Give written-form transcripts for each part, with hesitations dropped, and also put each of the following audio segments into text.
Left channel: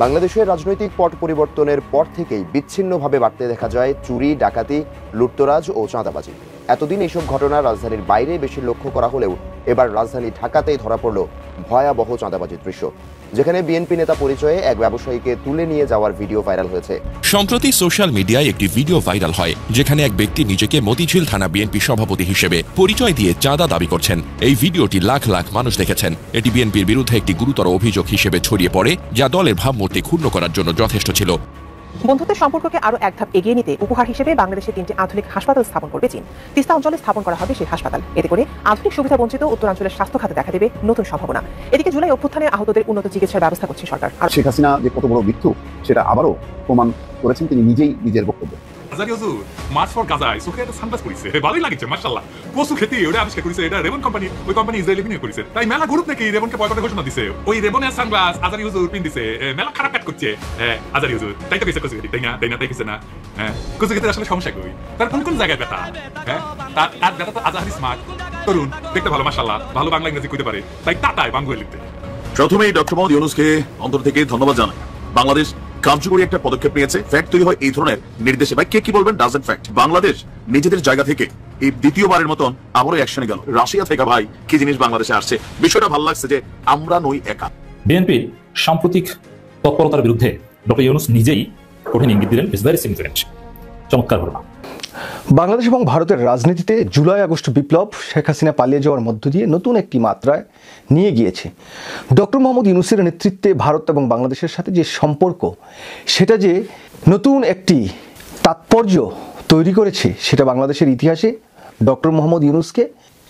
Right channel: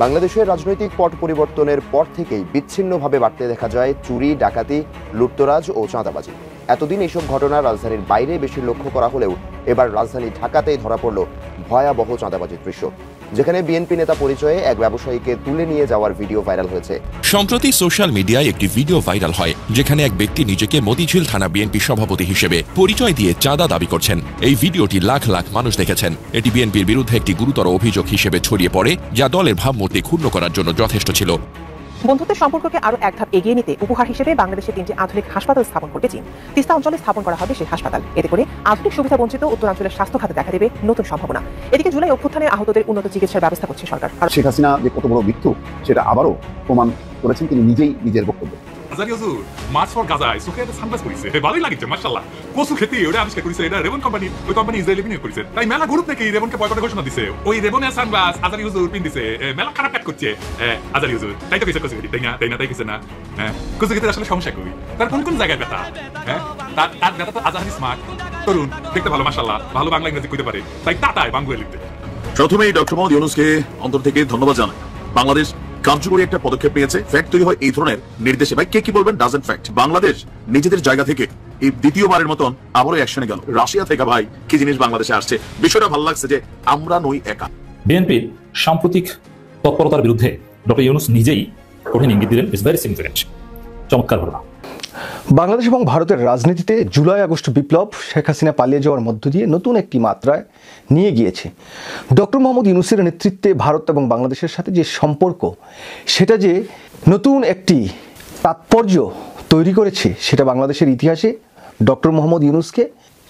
বাংলাদেশের রাজনৈতিক পট পরিবর্তনের পর থেকেই বিচ্ছিন্নভাবে বাড়তে দেখা যায় চুরি, ডাকাতি, লুটতরাজ ও চাঁদাবাজি। এতদিন এইসব ঘটনা রাজধানীর বাইরে বেশি লক্ষ্য করা হলেও এবার রাজধানী ঢাকাতেই ধরা পড়ল ভয়াবহ চাঁদাবাজির দৃশ্য, যেখানে বিএনপি নেতা পরিচয়ে এক ব্যবসায়ীকে তুলে নিয়ে যাওয়ার ভিডিও ভাইরাল হয়েছে। সম্প্রতি সোশ্যাল মিডিয়ায় একটি ভিডিও ভাইরাল হয়, যেখানে এক ব্যক্তি নিজেকে মতিঝিল থানা বিএনপি সভাপতি হিসেবে পরিচয় দিয়ে চাঁদা দাবি করছেন। এই ভিডিওটি লাখ লাখ মানুষ দেখেছেন। এটি বিএনপির বিরুদ্ধে একটি গুরুতর অভিযোগ হিসেবে ছড়িয়ে পড়ে, যা দলের ভাবমূর্তি ক্ষুণ্ণ করার জন্য যথেষ্ট ছিল। বন্ধুত্বের সম্পর্ককে আরো এক ধাপ এগিয়ে নিতে উপহার হিসেবে বাংলাদেশের 3টি আধুনিক হাসপাতাল স্থাপন করবে চীন। তিস্তা অঞ্চলে স্থাপন করা হবে সেই হাসপাতাল। এতে করে আধুনিক সুবিধা বঞ্চিত উত্তরাঞ্চলের স্বাস্থ্য খাতে দেখা দেবে নতুন সম্ভাবনা। এদিকে জুলাই অভ্যুত্থানে আহতদের উন্নত চিকিৎসার ব্যবস্থা করছে সরকার। শেখ হাসিনা যে কত বড় মৃত্যু সেটা আবারও প্রমাণ করেছেন তিনি নিজেই নিজের বক্তব্যে। ভালোই লাগছে মাশাআল্লাহ। কচু খেতে ওটা আবিষ্কার করেছে, এটা রেবন কোম্পানি, ওই কোম্পানি ইসরায়েলি বিনিয়োগ করেছে। তাই মেলা গ্রুপ নাকি রেবনকে পয়সা ঘোষণা দিছে। ওই রেবন আর সানগ্লাস আজারি হুজুর পিন দিছে, মেলা খারাপ কাট করছে আজারি হুজুর। তাই তো কইছে তাই না তাই কিছু না। কচু খেতে আসলে সমস্যা করি তার কোন জায়গায় ব্যথা, তার ব্যথা তো আজারি স্মার্ট তরুণ, দেখতে ভালো মাশাআল্লাহ, ভালো বাংলা ইংরেজি কইতে পারে, তাই টাটায় বাংলা লিখতে। প্রথমেই ডক্টর মোহাম্মদ ইউনূসকে অন্তর থেকে ধন্যবাদ জানাই। বাংলাদেশ কার্যকরী একটা পদক্ষেপ নিয়েছে। ফ্যাক্ট তৈরি হয় এই ধরনের নির্দেশে। ভাই কে কি বলবেন ডাজন্ট ফ্যাক্ট। বাংলাদেশ নিজেদের জায়গা থেকে এই দ্বিতীয়বারের মতন আবারও অ্যাকশনে গেল। রাশিয়া থেকে ভাই কি জিনিস বাংলাদেশে আসছে, বিষয়টা ভালো লাগছে যে আমরা নই একা। বিএনপি সাম্প্রতিক তৎপরতার বিরুদ্ধে ডক্টর ইউনূস নিজেই কঠিন ইঙ্গিত দিলেন। Is very significant. চমৎকার ঘটনা। বাংলাদেশ এবং ভারতের রাজনীতিতে জুলাই আগস্ট বিপ্লব শেখ হাসিনা পালিয়ে যাওয়ার মধ্য দিয়ে নতুন একটি মাত্রায় নিয়ে গিয়েছে। ডক্টর মোহাম্মদ ইউনূসের নেতৃত্বে ভারত এবং বাংলাদেশের সাথে যে সম্পর্ক, সেটা যে নতুন একটি তাৎপর্য তৈরি করেছে, সেটা বাংলাদেশের ইতিহাসে ডক্টর মোহাম্মদ ইউনূসকে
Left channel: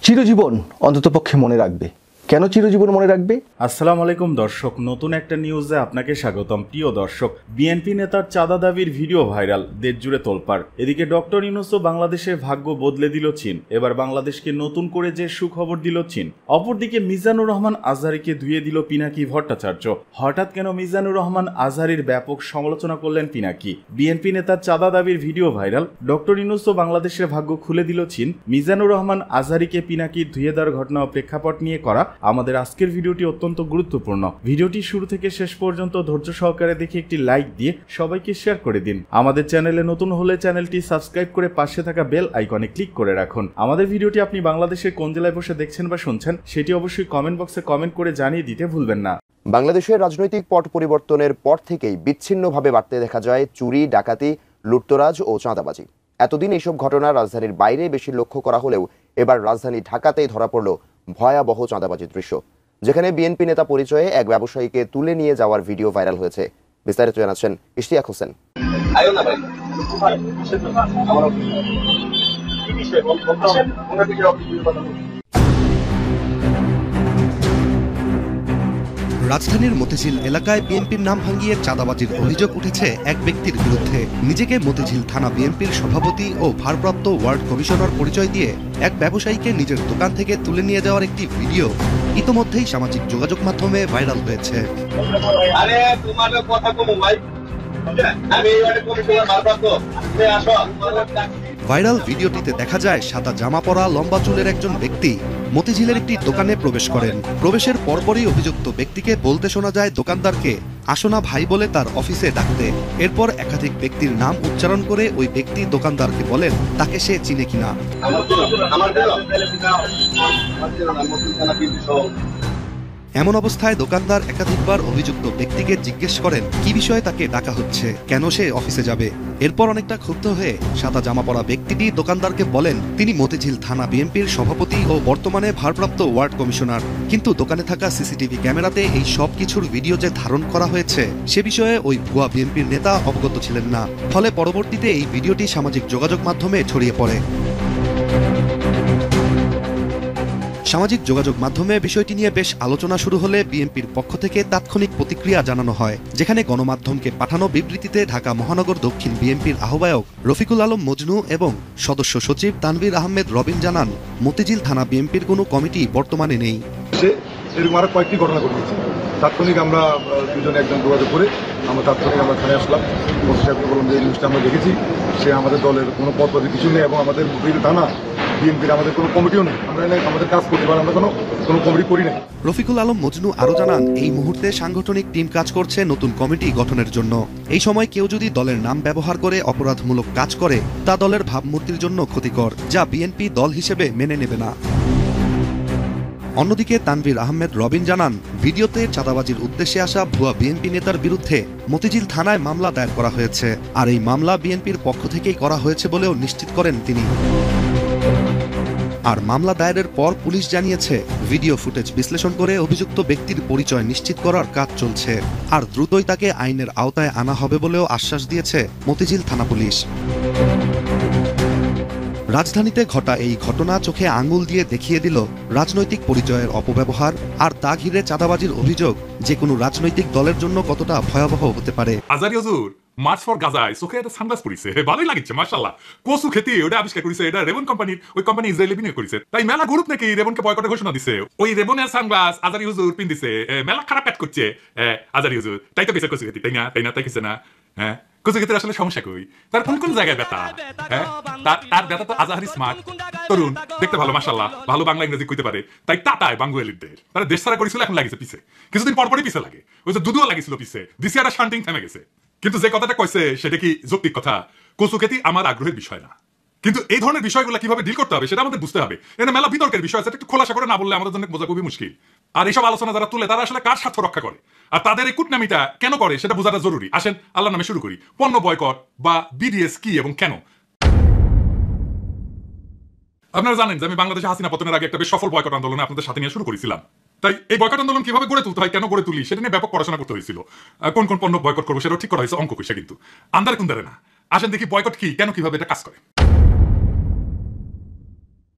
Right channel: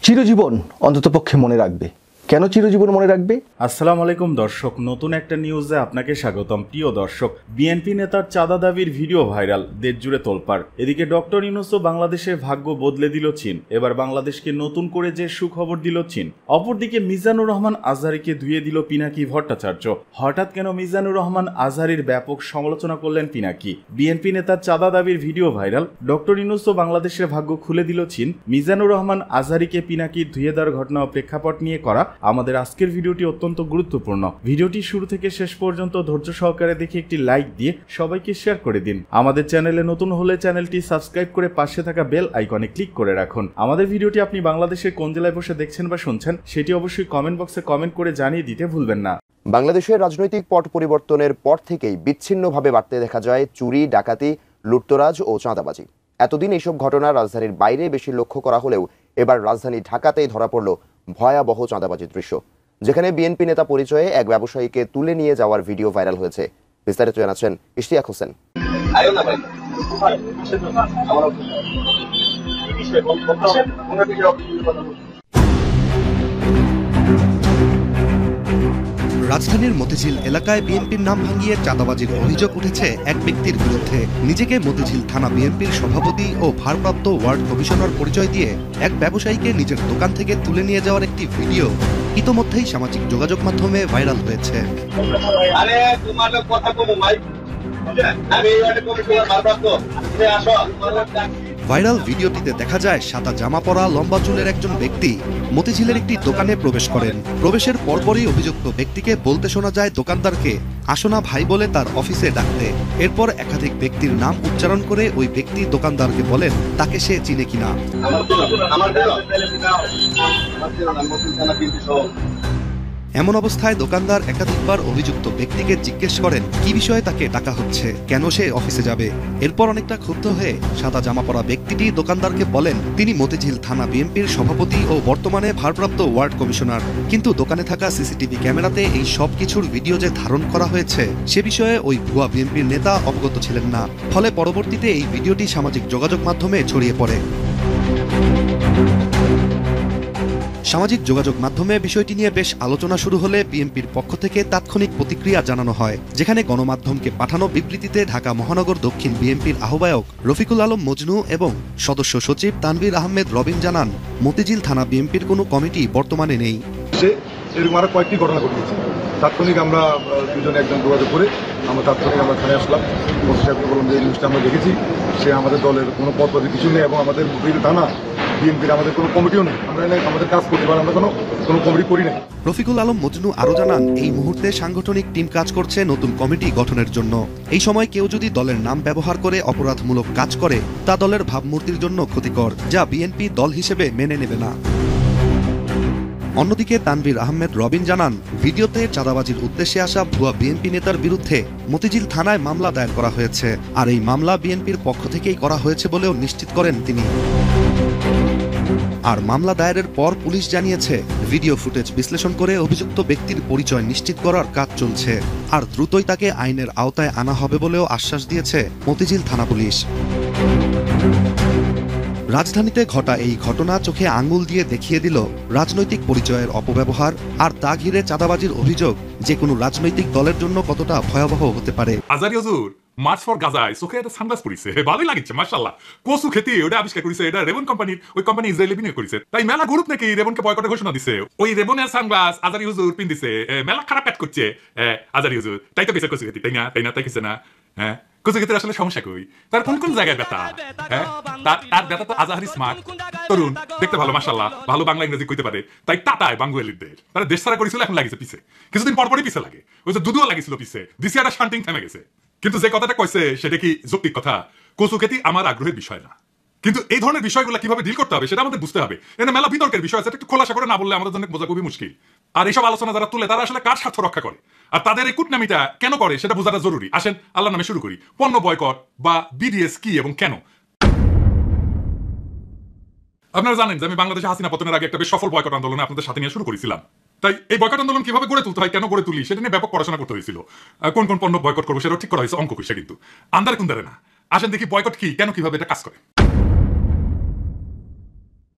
চিরজীবন অন্ততপক্ষে মনে রাখবে। কেন চিরজীবন মনে রাখবে? আসসালামু আলাইকুম দর্শক, নতুন একটা নিউজে আপনাকে স্বাগতম। প্রিয় দর্শক, বিএনপি নেতার চাঁদা দাবির ভিডিও ভাইরাল, দেশ জুড়ে তোলপাড়। এদিকে ডক্টর ইউনূসও বাংলাদেশের ভাগ্য বদলে দিল চীন। এবার বাংলাদেশকে নতুন করে যে সুখবর দিল চীন। অপরদিকে মিজানুর রহমান আজহারীকে ধুয়ে দিল পিনাকি ভট্টাচার্য। হঠাৎ কেন মিজানুর রহমান আজহারীর ব্যাপক সমালোচনা করলেন পিনাকি? বিএনপি নেতার চাঁদা দাবির ভিডিও ভাইরাল, ডক্টর ইউনূসও বাংলাদেশের ভাগ্য খুলে দিল চীন। মিজানুর রহমান আজহারীকে পিনাকি ধুয়ে দেওয়ার ঘটনা ও প্রেক্ষাপট নিয়ে করা আমাদের আজকের ভিডিওটি অত্যন্ত গুরুত্বপূর্ণ। ভিডিওটি শুরু থেকে শেষ পর্যন্ত ধৈর্য সহকারে দেখে একটি লাইক দিয়ে সবাইকে শেয়ার করে দিন। আমাদের চ্যানেলে নতুন হলে চ্যানেলটি সাবস্ক্রাইব করে পাশে থাকা বেল আইকনে ক্লিক করে রাখুন। আমাদের ভিডিওটি আপনি বাংলাদেশের কোন জেলায় বসে দেখছেন বা শুনছেন সেটি অবশ্যই কমেন্ট বক্সে কমেন্ট করে জানিয়ে দিতে ভুলবেন না। বাংলাদেশের রাজনৈতিক পট পরিবর্তনের পর থেকেই বিচ্ছিন্নভাবে বাড়তে দেখা যায় চুরি, ডাকাতি, লুটতরাজ ও চাঁদাবাজি। এতদিন এইসব ঘটনা রাজধানীর বাইরে বেশি লক্ষ্য করা হলেও এবার রাজধানী ঢাকাতেই ধরা পড়ল ভয়াবহ চাঁদাবাজির দৃশ্য, যেখানে বিএনপি নেতা পরিচয়ে এক ব্যবসায়ীকে তুলে নিয়ে যাওয়ার ভিডিও ভাইরাল হয়েছে। বিস্তারিত জানাচ্ছেন ইশতিয়াক হোসেন। রাজধানীর মতিঝিল এলাকায় বিএনপির নাম ভাঙিয়ে চাঁদাবাজির অভিযোগ উঠেছে এক ব্যক্তির বিরুদ্ধে। নিজেকে মতিঝিল থানা বিএনপির সভাপতি ও ভারপ্রাপ্ত ওয়ার্ড কমিশনার পরিচয় দিয়ে এক ব্যবসায়ীকে নিজের দোকান থেকে তুলে নিয়ে যাওয়ার একটি ভিডিও ইতোমধ্যেই সামাজিক যোগাযোগ মাধ্যমে ভাইরাল হয়েছে। ভাইরাল ভিডিওটিতে দেখা যায় সাদা জামা পরা লম্বা চুলের একজন ব্যক্তি মতিঝিলের একটি দোকানে প্রবেশ করেন। প্রবেশের পরপরই অভিযুক্ত ব্যক্তিকে বলতে শোনা যায় দোকানদারকে আসোনা ভাই বলে তার অফিসে ডাকতে। এরপর একাধিক ব্যক্তির নাম উচ্চারণ করে ওই ব্যক্তি দোকানদারকে বলেন তাকে সে চিনে কিনা। এমন অবস্থায় দোকানদার একাধিকবার অভিযুক্ত ব্যক্তিকে জিজ্ঞেস করেন কি বিষয়ে তাকে ডাকা হচ্ছে, কেন সে অফিসে যাবে। এরপর অনেকটা ক্ষুব্ধ হয়ে সাদা জামা পরা ব্যক্তিটি দোকানদারকে বলেন তিনি মতিঝিল থানা বিএনপির সভাপতি ও বর্তমানে ভারপ্রাপ্ত ওয়ার্ড কমিশনার। কিন্তু দোকানে থাকা সিসিটিভি ক্যামেরাতে এই সব কিছুর ভিডিও যে ধারণ করা হয়েছে সে বিষয়ে ওই ভুয়া বিএনপির নেতা অবগত ছিলেন না। ফলে পরবর্তীতে এই ভিডিওটি সামাজিক যোগাযোগ মাধ্যমে ছড়িয়ে পড়ে। সামাজিক যোগাযোগ মাধ্যমে বিষয়টি নিয়ে বেশ আলোচনা শুরু হলে বিএনপির পক্ষ থেকে তাৎক্ষণিক প্রতিক্রিয়া জানানো হয়, যেখানে গণমাধ্যমকে পাঠানো বিবৃতিতে ঢাকা মহানগর দক্ষিণ বিএনপির আহ্বায়ক রফিকুল আলম মজনু এবং সদস্য সচিব তানভীর আহমেদ রবিন জানান মতিঝিল থানা বিএনপির কোনো কমিটি বর্তমানে নেই। কয়েকটি ঘটনা ঘটেছে, তাৎক্ষণিক আমরা দুজনে একজন যোগাযোগ করে আমরা তাৎক্ষণিক আমরা থানায় আসলাম। ওসি সাহেবকে বললাম যে এই নিউজটা আমরা দেখেছি, সে আমাদের দলের কোনো পদ পদে কিছু নেই এবং আমাদের মতিঝিল থানা বিএনপির আমাদের কোনো কমিটিও নেই, আমরা আমাদের কাজ করতে পারি, আমরা কোনো কমিটি করি নাই। রফিকুল আলম মজনু আরো জানান, এই মুহূর্তে সাংগঠনিক টিম কাজ করছে নতুন কমিটি গঠনের জন্য। এই সময় কেউ যদি দলের নাম ব্যবহার করে অপরাধমূলক কাজ করে তা দলের ভাবমূর্তির জন্য ক্ষতিকর, যা বিএনপি দল হিসেবে মেনে নেবে না। অন্যদিকে তানভীর আহমেদ রবিন জানান, ভিডিওতে চাঁদাবাজির উদ্দেশ্যে আসা ভুয়া বিএনপি নেতার বিরুদ্ধে মতিঝিল থানায় মামলা দায়ের করা হয়েছে, আর এই মামলা বিএনপির পক্ষ থেকেই করা হয়েছে বলেও নিশ্চিত করেন তিনি। আর মামলা দায়েরের পর পুলিশ জানিয়েছে, ভিডিও ফুটেজ বিশ্লেষণ করে অভিযুক্ত ব্যক্তির পরিচয় নিশ্চিত করার কাজ চলছে, আর দ্রুতই তাকে আইনের আওতায় আনা হবে বলেও আশ্বাস দিয়েছে মতিঝিল থানা পুলিশ। রাজধানীতে ঘটা এই ঘটনা চোখে আঙুল দিয়ে দেখিয়ে দিল রাজনৈতিক পরিচয়ের অপব্যবহার আর তা ঘিরে চাঁদাবাজির অভিযোগ যে কোনো রাজনৈতিক দলের জন্য কতটা ভয়াবহ হতে পারে। আজারি হুজুর মার্চ ফর গাজায় চোখে একটা সানগ্লাস পরিছে, ভালোই লাগিচ্ছে মাশাআল্লাহ। কচু খেতে ওটা আবিষ্কার করেছে, এটা রেবন কোম্পানির, ওই কোম্পানি ইসরায়েলি বিনিয়োগ করেছে। তাই মেলা গ্রুপ নাকি রেবনকে বয়কটের ঘোষণা দিছে। ওই রেবনের সানগ্লাস আজারি হুজুর পিন দিছে, মেলা খারাপ কাজ করছে আজারি হুজুর। তাই তো কিছু কচু খেতে, তাই না তাই কিছু না। হ্যাঁ, কচু খেতে আসলে সমস্যা কই, তার কোন জায়গায় ব্যথা? হ্যাঁ, তার ব্যথা তো আজাহারি স্মার্ট তরুণ, দেখতে ভালো মাশাআল্লাহ, ভালো বাংলা ইংরেজি কইতে পারে। তাই টাটায় বাঙ্গুয়ালিদের তারা দেশ ছাড়া করেছিল, এখন লাগিছে পিছে, কিছুদিন পরপরই পিছে লাগে। ওই যে দুধুয়া লাগিছিল পিছে, দিছে একটা শান্তিং থেমে গেছে। কিন্তু যে কথাটা কইছে সেটা কি যৌক্তিক কথা? কচু খেতে আমার আগ্রহের বিষয় না, কিন্তু এই ধরনের বিষয়গুলো কিভাবে ডিল করতে হবে সেটা আমাদের বুঝতে হবে। এটা মেলা বিতর্কের বিষয়, সেটা একটু খোলাসা করে না বললে আমাদের জন্য বোঝা খুবই মুশকিল। আর এইসব আলোচনা যারা তুলে তারা আসলে কার স্বার্থ রক্ষা করে আর তাদের এই কুটনামিটা কেন করে সেটা বোঝাটা জরুরি। আসেন আল্লাহর নামে শুরু করি। পণ্য বয়কট বা বিডিএস কি এবং কেন? আপনারা জানেন যে আমি বাংলাদেশে হাসিনা পতনের আগে একটা বেশ সফল বয়কট আন্দোলন আপনাদের সাথে নিয়ে শুরু করেছিলাম। তাই এই বয়কট আন্দোলন কিভাবে গড়ে তুলতে হয়, কেন গড়ে তুলি, সেটা নিয়ে ব্যাপক পড়াশোনা করতে হয়েছিল। কোন কোন পণ্য বয়কট করবো সেটাও ঠিক করা হয়েছে, অঙ্ক কইছে কিন্তু আন্দারে কুন্দারে না। আসেন দেখি বয়কট কি, কেন, কিভাবে এটা কাজ করে।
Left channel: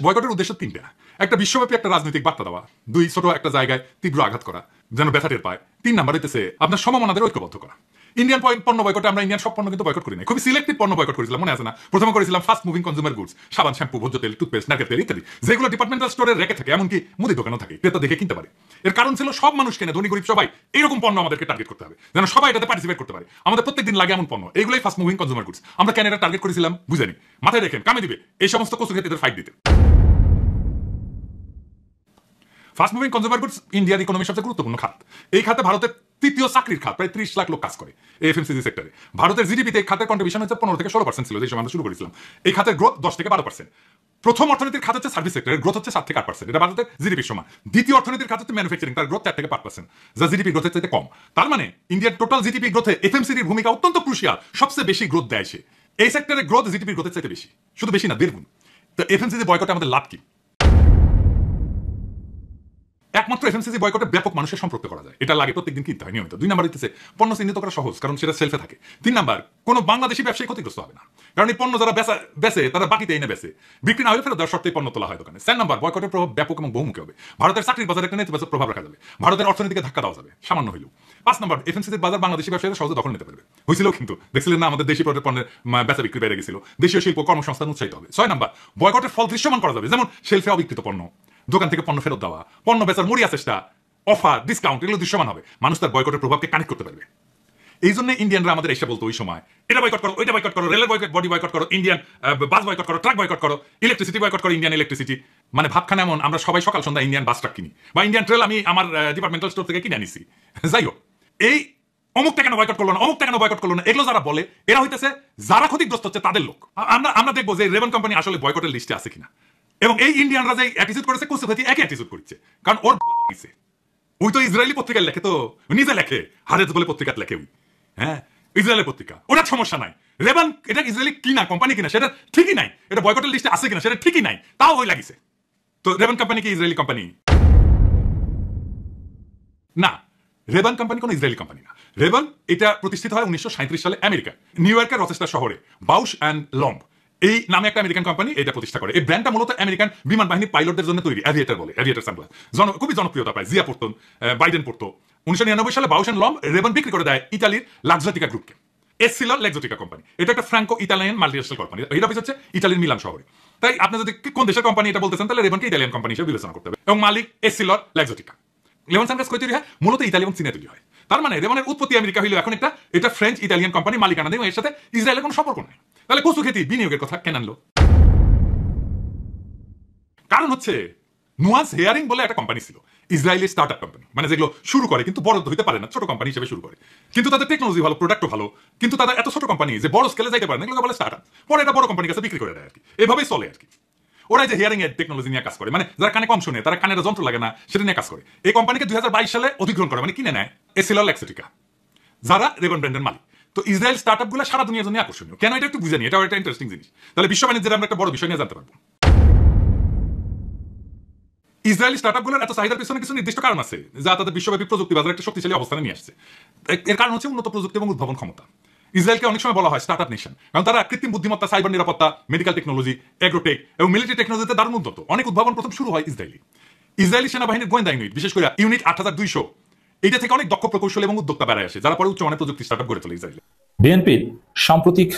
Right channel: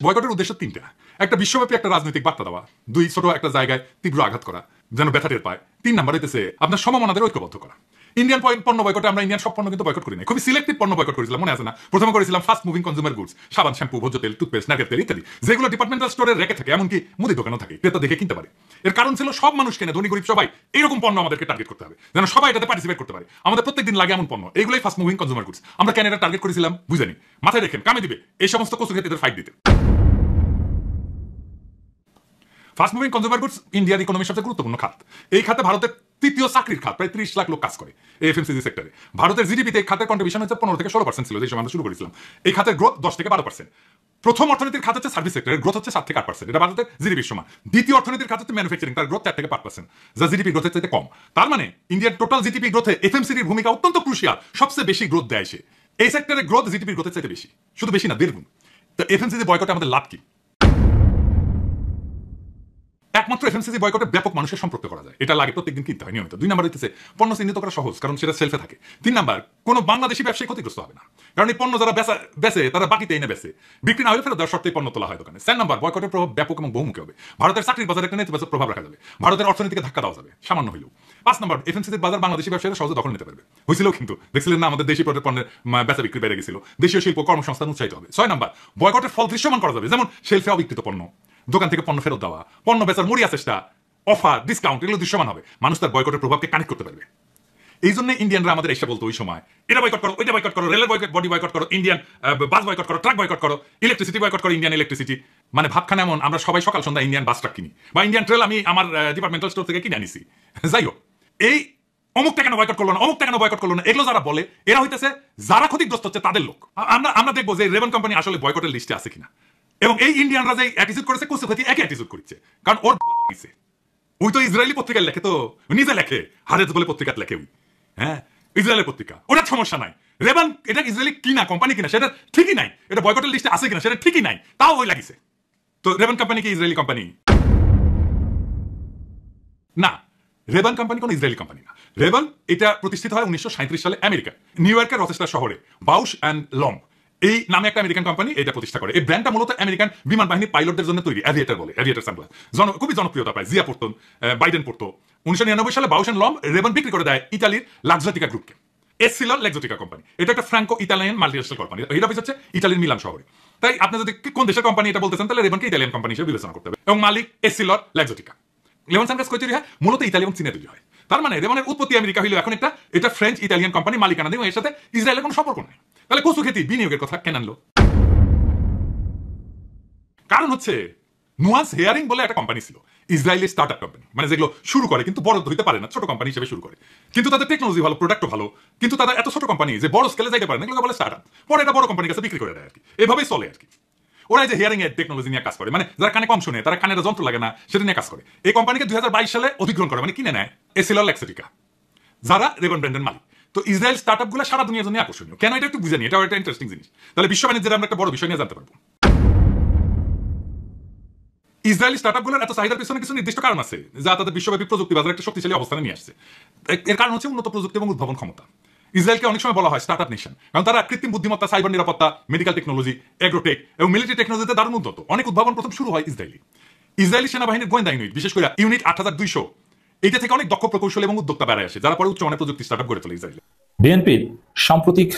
বয়কটের উদ্দেশ্য তিনটা। একটা বিশ্বব্যাপী একটা রাজনৈতিক বার্তা দেওয়া, দুই ছোট একটা জায়গায় তীব্র আঘাত করা যেন ব্যথা টের পায়, তিন নাম্বার হইতেছে আপনার সমমনাদের ঐক্যবদ্ধ করা। ইন্ডিয়ান পণ্য বয়কটে আমরা ইন্ডিয়ান সব পণ্য কিন্তু বয়কট করি না, খুবই সিলেক্টিভ পণ্য বয়কট করেছিলাম, মনে আছে না? প্রথমে করেছিলাম ফাস্ট মুভিং কনজিউমার গুডস, সাবান, শ্যাম্পু, ভোজ্য তেল, টুথপেস্ট, নারকেল তেল ইত্যাদি, যেগুলো ডিপার্টমেন্টাল স্টোরে রেখে থাকে, এমনকি মুদি দোকানও থাকে, ক্রেতা দেখে কিনতে পারে। এর কারণ ছিল সব মানুষ কেনে, ধনী গরিব সবাই এইরকম পণ্য আমাদেরকে টার্গেট করতে হবে, যেন সবাই এটাতে পার্টিসিপেট করতে পারে। আমাদের প্রত্যেকদিন লাগে এমন পণ্য, এইগুলোই ফাস্ট মুভিং কনজিউমার গুডস। আমরা কেন এটা টার্গেট করেছিলাম বুঝেনি, মাথায় রেখেন, কামে দিবে এই সমস্ত কচু খেতে ফাইট দিতে। Fast moving consumer goods Indian ইকোনমির সবচেয়ে গুরুত্বপূর্ণ খাত। এই খাতে ভারতের তৃতীয় চাকরির খাত, প্রায় 30 লাখ লোক কাজ করে এফএমসিজি সেক্টরে। ভারতের জিডিপিতে এই খাতের কন্ট্রিবিউশন হচ্ছে 15 থেকে 16% ছিল যে সময় আমরা শুরু করেছিলাম। এই খাতের গ্রোথ 10 থেকে 12%। প্রথম অর্থনীতির খাত হচ্ছে সার্ভিস সেক্টর, গ্রোথ হচ্ছে 7 থেকে 8%, এটা ভারতের জিডিপির সময়। দ্বিতীয় অর্থনীতির খাত হচ্ছে ম্যানুফ্যাকচারিং, তার গ্রোথ 4 থেকে 5%, যা জিডিপি গ্রোথের চাইতে কম। তার মানে ইন্ডিয়ার টোটাল জিডিপি গ্রোথে এফএমসিজির ভূমিকা অত্যন্ত ক্রুশিয়াল, সবচেয়ে বেশি গ্রোথ দেয় সে। এই সেক্টরের গ্রোথ জিডিপি গ্রোথের চাইতে বেশি, শুধু বেশি না, 1.5 গুণ। তো এফএমসিজি বয়কটে আমাদের লাভ কি? একমাত্র এফএমসিজি বয়কটে ব্যাপক মানুষের সম্পৃক্ত করা যায়, এটা লাগে প্রত্যেকদিন কিনতে হয় নিয়মিত। 2 নাম্বার হচ্ছে পণ্য চিহ্নিত করা সহজ, কারণ সেটা সেলফে থাকে। 3 নাম্বার, কোন বাংলাদেশি ব্যবসায়ী ক্ষতিগ্রস্ত হবে না, কারণ এই পণ্য যারা বেচে তারা বাকিতে এনে বেচে, বিক্রি না হলে ফেরত দেওয়ার শর্তে পণ্য তোলা হয় দোকানে। 4 নাম্বার, বয়কটের প্রভাব ব্যাপক এবং বহুমুখী হবে। ভারতের চাকরির বাজারে একটা নেতিবাচক প্রভাব রাখা যাবে, ভারতের অর্থনীতিকে ধাক্কা দেওয়া যাবে সামান্য হইলেও। 5 নাম্বার, এফএমসিজির বাজার বাংলাদেশি ব্যবসায়ীরা সহজে দখল নিতে পারবে, হয়েছিল কিন্তু দেখছিলেন না, আমাদের দেশি পণ্যের বেচা বিক্রি বেড়ে গেছিল, দেশের শিল্প কর্মসংস্থান উৎসাহিত হবে। 6 নাম্বার, বয়কটের ফল দৃশ্যমান করা যাবে, যেমন শেলফে অবিকৃত পণ্য, দোকান থেকে পণ্য ফেরত দেওয়া, পণ্য বেচার মরিয়া চেষ্টা, অফার, ডিসকাউন্ট, এগুলো দৃশ্যমান হবে, মানুষ তার বয়কটের প্রভাবকে কানেক্ট করতে পারবে। এই জন্য ইন্ডিয়ানরা আমাদের এসে বলতো ওই সময়, এটা বয়কট করো, ওইটা বয়কট করো, রেলের বডি বয়কট করো, ইন্ডিয়ান বাস বয়কট করো, ট্রাক বয়কট করো, ইলেকট্রিসিটি বয়কট করো, ইন্ডিয়ান ইলেকট্রিসিটি। মানে ভাবখানা এমন, আমরা সবাই সকাল সন্ধ্যা ইন্ডিয়ান বাস ট্রাক কিনি, বা ইন্ডিয়ান ট্রেল আমি আমার ডিপার্টমেন্টাল স্টোর থেকে কিনে আনিছি। যাই হোক, এই অমুকটা কেন বয়কট করলো না, অমুকটা কেন বয়কট করলো না, এগুলো যারা বলে এরা হইতেছে যারা ক্ষতিগ্রস্ত হচ্ছে তাদের লোক। আমরা দেখবো যে রেভেন কোম্পানি আসলে বয়কটের লিস্টে আছে কিনা, এবং এই ইন্ডিয়ানরা যে অ্যাটিটিউড করেছে কুসু হতে এক অ্যাটিটিউড করেছে, কারণ ওর গেছে। ওই তো ইসরায়েলি পত্রিকায় লেখে, তো নিজে লেখে, হারেজ বলে পত্রিকাতে লেখে, ওই হ্যাঁ ইসরায়েলি পত্রিকা, ওটা সমস্যা নাই। রেবান এটা ইসরায়েলি কিনা কোম্পানি কিনা সেটা ঠিকই নাই, এটা বয়কটের লিস্টে আছে কিনা সেটা ঠিকই নাই, তাও ওই লাগিছে। তো রেবান কোম্পানি কি ইসরায়েলি কোম্পানি না? রেবান কোম্পানি কোন ইসরায়েলি কোম্পানি না। রেবান এটা প্রতিষ্ঠিত হয় 1937 সালে আমেরিকায়, নিউ ইয়র্কের রচেস্টার শহরে। বাউশ অ্যান্ড লম্ব এই নামে একটা আমেরিকান কোম্পানি এটা প্রতিষ্ঠা করে। এই ব্র্যান্ডটা মূলত আমেরিকান বিমান বাহিনী পাইলটদের জন্য তৈরি, অ্যাভিয়েটর বলে, অ্যাভিয়েটর সানগ্লাস, খুবই জনপ্রিয়তা পায়, জিয়া পড়তেন, বাইডেন পড়তো। 1999 সালে বাউশ অ্যান্ড লম্ব রেবান বিক্রি করে দেয় ইতালির লাক্সাটিকা গ্রুপকে। এসিলর লাক্সাটিকা কোম্পানি, এটা একটা ফ্রাঙ্কো ইতালিয়ান মাল্টিন্যাশনাল কোম্পানি, এটা হচ্ছে ইতালির মিলান শহরে। তাই আপনারা যদি কোন দেশের কোম্পানি এটা বলতেছেন, তাহলে রেবানকে ইতালিয়ান কোম্পানি হিসেবে বিবেচনা করতে হবে। এবং মালিক এসিলর লাক্সাটিকা। লেমন সানগ্লাস কই তৈরি হয়? মূলত ইতালি এবং চীনে তৈরি হয়। তার মানে রেবানের উৎপত্তি আমেরিকা হইলো, এখন এটা ফ্রেঞ্চ ইতালিয়ান কোম্পানি মালিকানা দেয়, এর সাথে ইসরায়েলের কোনো সম্পর্ক নেই। তাহলে কচু খেতে বিনিয়োগের কথা কেন আনলো? কারণ হচ্ছে নুয়ান্স হেয়ারিং বলে একটা কোম্পানি ছিল, ইসরায়েলি স্টার্টআপ কোম্পানি, মানে যেগুলো শুরু করে কিন্তু বড় হইতে পারে না, ছোট কোম্পানি হিসেবে শুরু করে, কিন্তু তাদের টেকনোলজি ভালো, প্রোডাক্টও ভালো, কিন্তু তারা এত ছোট কোম্পানি যে বড় স্কেলে যাইতে পারে না, এগুলো মানে স্টার্টআপ, পরে এটা বড় কোম্পানির কাছে বিক্রি করে দেয় আর কি, এভাবেই চলে আর কি। ওরা যে হিয়ারিং এর টেকনোলজি নিয়ে কাজ করে, মানে যারা কানে কম শুনে, তারা কানে যন্ত্র লাগে না, সেটা নিয়ে কাজ করে। এই কোম্পানিকে 2022 সালে অধিগ্রহণ করে, মানে কিনে নেয় এসএলআর লেক্সিটিকা, যারা রেবন ব্র্যান্ডের মালিক। তো ইসরায়েল স্টার্টআপ গুলো সারা দুনিয়ার জন্য আকর্ষণীয় কেন, এটা একটু বুঝে নিই, এটাও একটা ইন্টারেস্টিং জিনিস। তাহলে বিশ্ব বাণিজ্যের আমরা একটা বড় বিষয় নিয়ে জানতে পারবো। ইসরায়েলি স্টার্টআপ গুলোর এত চাহিদার পিছনে কিছু নির্দিষ্ট কারণ আছে, যা তাদের বিশ্বব্যাপী প্রযুক্তি বাজারে একটা শক্তিশালী অবস্থানে নিয়ে আসছে। এর কারণ হচ্ছে উন্নত প্রযুক্তি এবং উদ্ভাবন ক্ষমতা। ইসরায়েলকে অনেক সময় বলা হয় স্টার্টআপ নেশন, কারণ তারা কৃত্রিম বুদ্ধিমত্তা, সাইবার নিরাপত্তা, মেডিকেল টেকনোলজি, এগ্রোটেক এবং মিলিটারি টেকনোলজিতে দারুণ উন্নত। অনেক উদ্ভাবন প্রথম শুরু হয় ইসরায়েলি সেনাবাহিনীর গোয়েন্দা ইউনিট, বিশেষ করে ইউনিট 8200, এটা থেকে অনেক দক্ষ প্রকৌশল এবং উদ্যোক্তা বেড়ে আসে, যারা পরে উচ্চমানের প্রযুক্তি স্টার্টআপ গড়ে তোলে ইসরায়েল। বিএনপির সাম্প্রতিক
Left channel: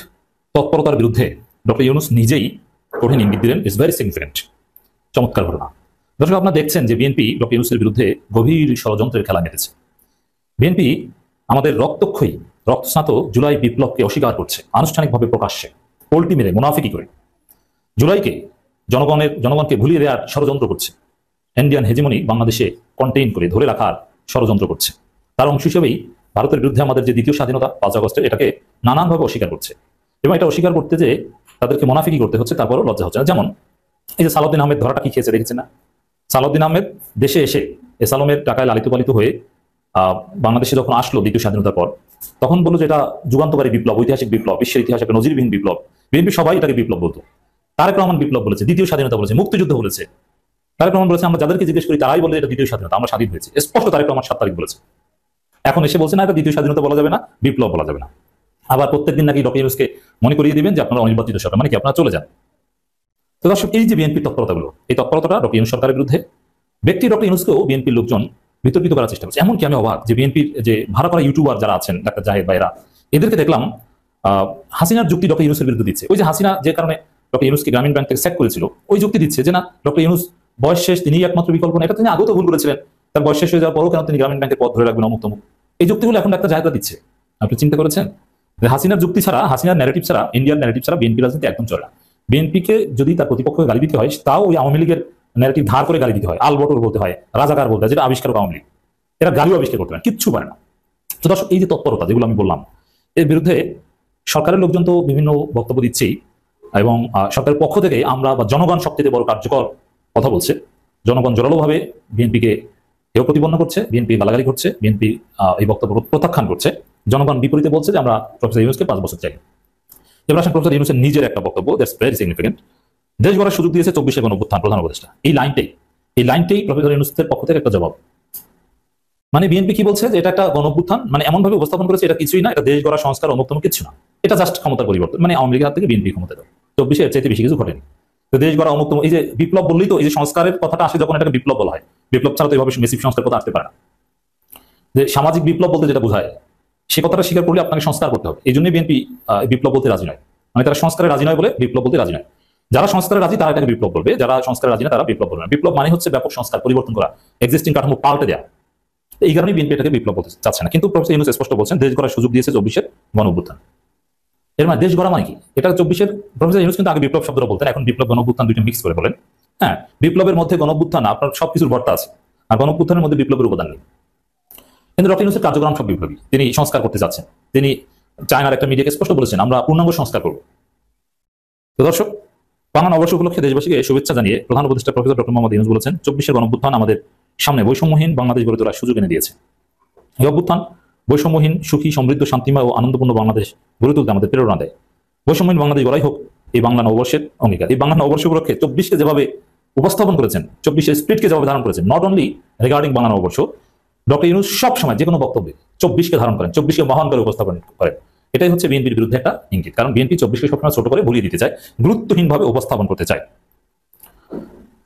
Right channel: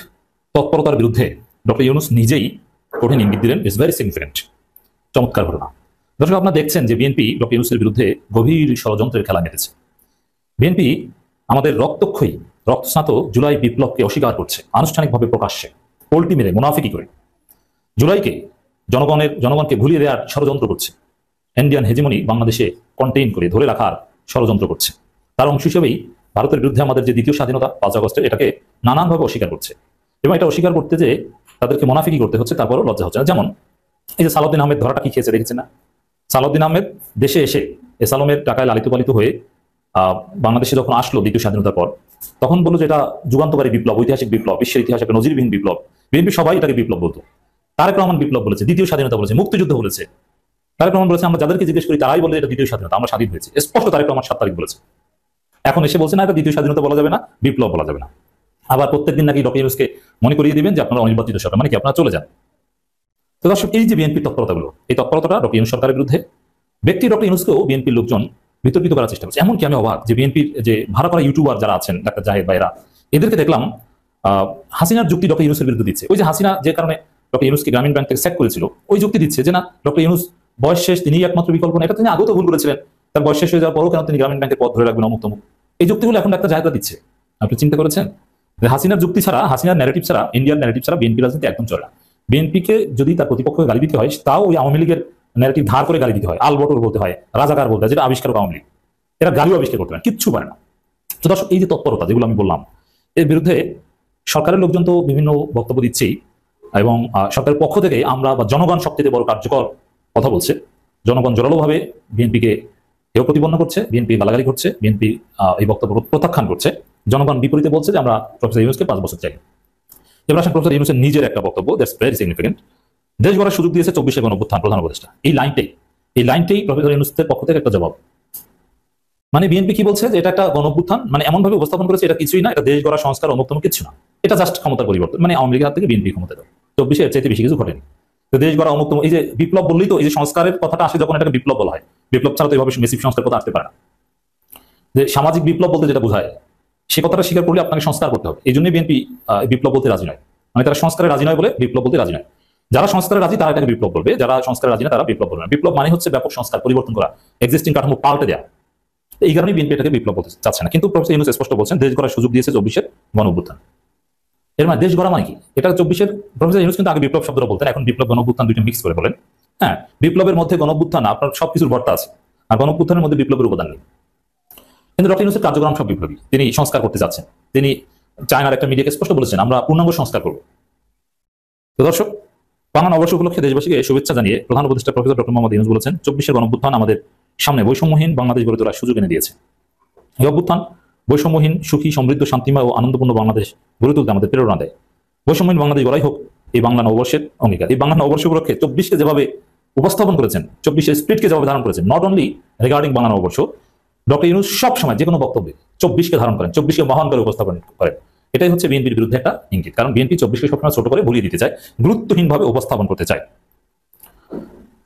তৎপরতার বিরুদ্ধে ডক্টর ইউনূস নিজেই কঠিন ইঙ্গিত দিলেন। ইটস ভেরি সিগনিফিকেন্ট, চমৎকার ঘটনা। দর্শক, আপনারা দেখছেন যে বিএনপি ডক্টর ইউনূসের বিরুদ্ধে গভীর ষড়যন্ত্রের খেলা মেতেছে। বিএনপি আমাদের রক্তক্ষয়ী, রক্তস্নাত জুলাই বিপ্লবকে অস্বীকার করছে আনুষ্ঠানিকভাবে, প্রকাশ্যে পোল্টি মেরে মুনাফিকি করে। জুলাইকে জনগণকে ভুলিয়ে দেওয়ার ষড়যন্ত্র করছে। ইন্ডিয়ান হেজিমনি বাংলাদেশে কন্টেইন করে ধরে রাখার ষড়যন্ত্র করছে। তার অংশ হিসেবেই ভারতের বিরুদ্ধে আমাদের যে দ্বিতীয় স্বাধীনতা 5 আগস্টের, এটাকে নানানভাবে অস্বীকার করছে। এবং এটা অস্বীকার করতে যে তাদেরকে মুনাফিকি করতে হচ্ছে, তারপরও লজ্জা হচ্ছে না। যেমন এই যে সালাউদ্দিন আহমেদ ধরাটা কি খেয়েছে দেখেছেন না? সালাউদ্দিন আহমেদ দেশে এসে এসালমের টাকায় লালিত পালিত হয়ে বাংলাদেশে যখন আসলো দ্বিতীয় স্বাধীনতার পর, তখন বললো যে এটা যুগান্তকারী বিপ্লব, ঐতিহাসিক বিপ্লব, বিশ্বের ইতিহাসে একটা নজিরবিহীন বিপ্লব। বিএনপি সবাই এটাকে বিপ্লব বলতো। তারেক রহমান বিপ্লব বলেছে, দ্বিতীয় স্বাধীনতা বলেছে, মুক্তিযুদ্ধ বলেছে। তারেক রহমান বলেছে আমরা যাদেরকে জিজ্ঞেস করি তারাই বলে এটা দ্বিতীয় স্বাধীনতা, আমরা স্বাধীন হয়েছে। স্পষ্ট তারেক রহমান 7 তারিখ বলেছে। এখন এসে বলছে না এটা দ্বিতীয় স্বাধীনতা বলা যাবে না, বিপ্লব বলা যাবে না। আবার প্রত্যেকদিন নাকি ডক্টর ইউনূসকে মনে করিয়ে দিবেন যে আপনারা অনির্বাচিত সরকার, মানে কি আপনারা চলে যান। তো দর্শক, এই যে বিএনপির তৎপরতাগুলো, এই তৎপরতাটা ডক্টর ইউনূস সরকারের বিরুদ্ধে। ব্যক্তি ডক্টর ইউনূসকেও বিএনপির লোকজন বিতর্কিত করার চেষ্টা করছে। এমনকি আমি অবাক যে বিএনপির যে ভাড়া করা ইউটিউবার যারা আছেন, ডাক্তার জাহেদ ভাইরা, এদেরকে দেখলাম হাসিনার যুক্তি ডক্টর ইউনূসের বিরুদ্ধে দিচ্ছে। ওই যে হাসিনা যে কারণে ডক্টর ইউনূসকে গ্রামীণ ব্যাংক থেকে স্যাক করেছিল, ওই যুক্তি দিচ্ছে যে না, ডক্টর ইউনূস বয়স শেষ, তিনিই একমাত্র বিকল্প না। এটা তিনি আগেও তো ভুল করেছিলেন, তার বয়স শেষ হয়ে যাওয়ার পরও কেন তিনি গ্রামীণ ব্যাংকের পদ ধরে রাখবেন, অমুক তমুক। এই যুক্তিগুলো এখন ডাক্তার জাহেদরা দিচ্ছে। আপনি চিন্তা করেছেন যে হাসিনার যুক্তি ছাড়া, হাসিনার ন্যারেটিভ ছাড়া, ইন্ডিয়ান ন্যারেটিভ ছাড়া বিএনপি রাজনীতি একদম চলে না। বিএনপিকে যদি তার প্রতিপক্ষকে গালি দিতে হয়, তাও ওই আওয়ামী লীগের ন্যারেটিভ ধার করে গালি দিতে হয়, আলবটর বলতে হয়, রাজাকার বলতে হয়, যেটা আবিষ্কারক আওয়ামী লীগ। এরা গালিও আবিষ্কার করতে পারে, কিচ্ছু পারে না। তো দর্শক, এই যে তৎপরতা যেগুলো আমি বললাম, এর বিরুদ্ধে সরকারের লোকজন তো বিভিন্ন বক্তব্য দিচ্ছেই, এবং সরকারের পক্ষ থেকে আমরা বা জনগণ সবচেয়ে বড় কার্যকর কথা বলছে। জনগণ জোরালোভাবে বিএনপিকে হেয় প্রতিপন্ন করছে, বিএনপি গালাগালি করছে, বিএনপি এই বক্তব্য প্রত্যাখ্যান করছে। জনগণ বিপরীতে বলছে যে আমরা প্রফেসর ইউনূসকে 5 বছর চাই। এবার আসেন প্রফেসর ইউনূসের নিজের একটা বক্তব্য, দ্যাটস ভেরি সিগনিফিকেন্ট। দেশ গড়ার সুযোগ দিয়েছে 24শে গণঅভ্যুত্থান প্রধান উপদেষ্টা। এই লাইনটাই প্রফেসর ইউনূসের পক্ষ থেকে একটা জবাব। মানে বিএনপি কি বলছে যে এটা একটা গণঅভ্যুত্থান, মানে এমন ভাবে উপস্থাপন করেছে এটা কিছুই না, এটা দেশ গড়া, সংস্কার, অমুক্তম কিছু না, এটা জাস্ট ক্ষমতার পরিবর্তন। মানে আওয়ামী লীগের হাত থেকে বিএনপি ক্ষমতা দেয়। 24শে এর চাইতে বেশি কিছু ঘটেনি। তো দেশ গড়া, অমুক্তম, এই যে বিপ্লব বললেই তো এই যে সংস্কারের কথাটা আসে, যখন এটাকে বিপ্লব বলা হয়, বিপ্লব ছাড়া তো এইভাবে মেসিভ সংস্কার কথা আসতে পারে না। যে সামাজিক বিপ্লব বলতে যেটা বোঝায়, সে কথাটা স্বীকার করলে আপনাকে সংস্কার করতে হবে। এই জন্যই বিএনপি বিপ্লব বলতে রাজি নয়, মানে তারা সংস্কারে রাজি নয় বলে বিপ্লব বলতে রাজি নয়। যারা সংস্কারে রাজি তারা এটাকে বিপ্লব বলবে, যারা সংস্কারে রাজি না তারা বিপ্লব বলবে না। বিপ্লব মানে হচ্ছে ব্যাপক সংস্কার, পরিবর্তন করা, এক্সিস্টিং কাঠামো পাল্টে দেওয়া। এই কারণে বিএনপি এটাকে বিপ্লব বলতে চাচ্ছে না। কিন্তু প্রফেসর ইউনূস স্পষ্ট বলছেন দেশ গড়ার সুযোগ দিয়েছে 24শে গণঅভ্যুত্থান। এর মানে দেশ গড়া মানে কি? এটা 24শে প্রফেসর ইউনূস কিন্তু আগে বিপ্লব শব্দটা বলতেন, এখন বিপ্লব গণঅভ্যুত্থান দুইটা মিক্স করে বলেন। হ্যাঁ, বিপ্লবের মধ্যে গণঅভ্যুত্থান আপনার সবকিছুর ভর্তা আছে, আর গণঅভ্যুত্থানের মধ্যে বিপ্লবের উপাদান নেই। কিন্তু ডক্টর ইউনূসের কার্যক্রম সব বিপ্লবী। তিনি সংস্কার করতে যাচ্ছেন। তিনি চায়নার একটা মিডিয়াকে স্পষ্ট বলেছেন আমরা পূর্ণাঙ্গ সংস্কার করব। তো দর্শক, বাংলা নববর্ষ উপলক্ষে দেশবাসীকে শুভেচ্ছা জানিয়ে প্রধান উপদেষ্টা প্রফেসর ডক্টর মোহাম্মদ ইউনূস বলেছেন 24শে গণঅভ্যুত্থান আমাদের সামনে বৈষম্যহীন বাংলাদেশ গড়ে তোলার সুযোগ এনে দিয়েছে। এই অভ্যুত্থান বৈষম্যহীন, সুখী, সমৃদ্ধ, শান্তিময় ও আনন্দপূর্ণ বাংলাদেশ গড়ে তুলতে আমাদের প্রেরণা দেয়। বৈষম্যহীন বাংলাদেশ গড়াই হোক এই বাংলা নববর্ষের অঙ্গীকার। এই বাংলা নববর্ষ উপলক্ষে 24কে যেভাবে উপস্থাপন করেছেন, 24শে স্পিরিটকে যেভাবে ধারণ করেছেন, নট অনলি রিগার্ডিং বাংলা নববর্ষ, ডক্টর ইউনূস সব সময় যে কোনো বক্তব্যে 24কে ধারণ করেন, 24কে মহান করে উপস্থাপন করেন। এটাই হচ্ছে বিএনপির বিরুদ্ধে একটা ইঙ্গিত, কারণ বিএনপি 24কে সবসময় ছোট করে ভুলিয়ে দিতে চায়, গুরুত্বহীনভাবে উপস্থাপন করতে চায়।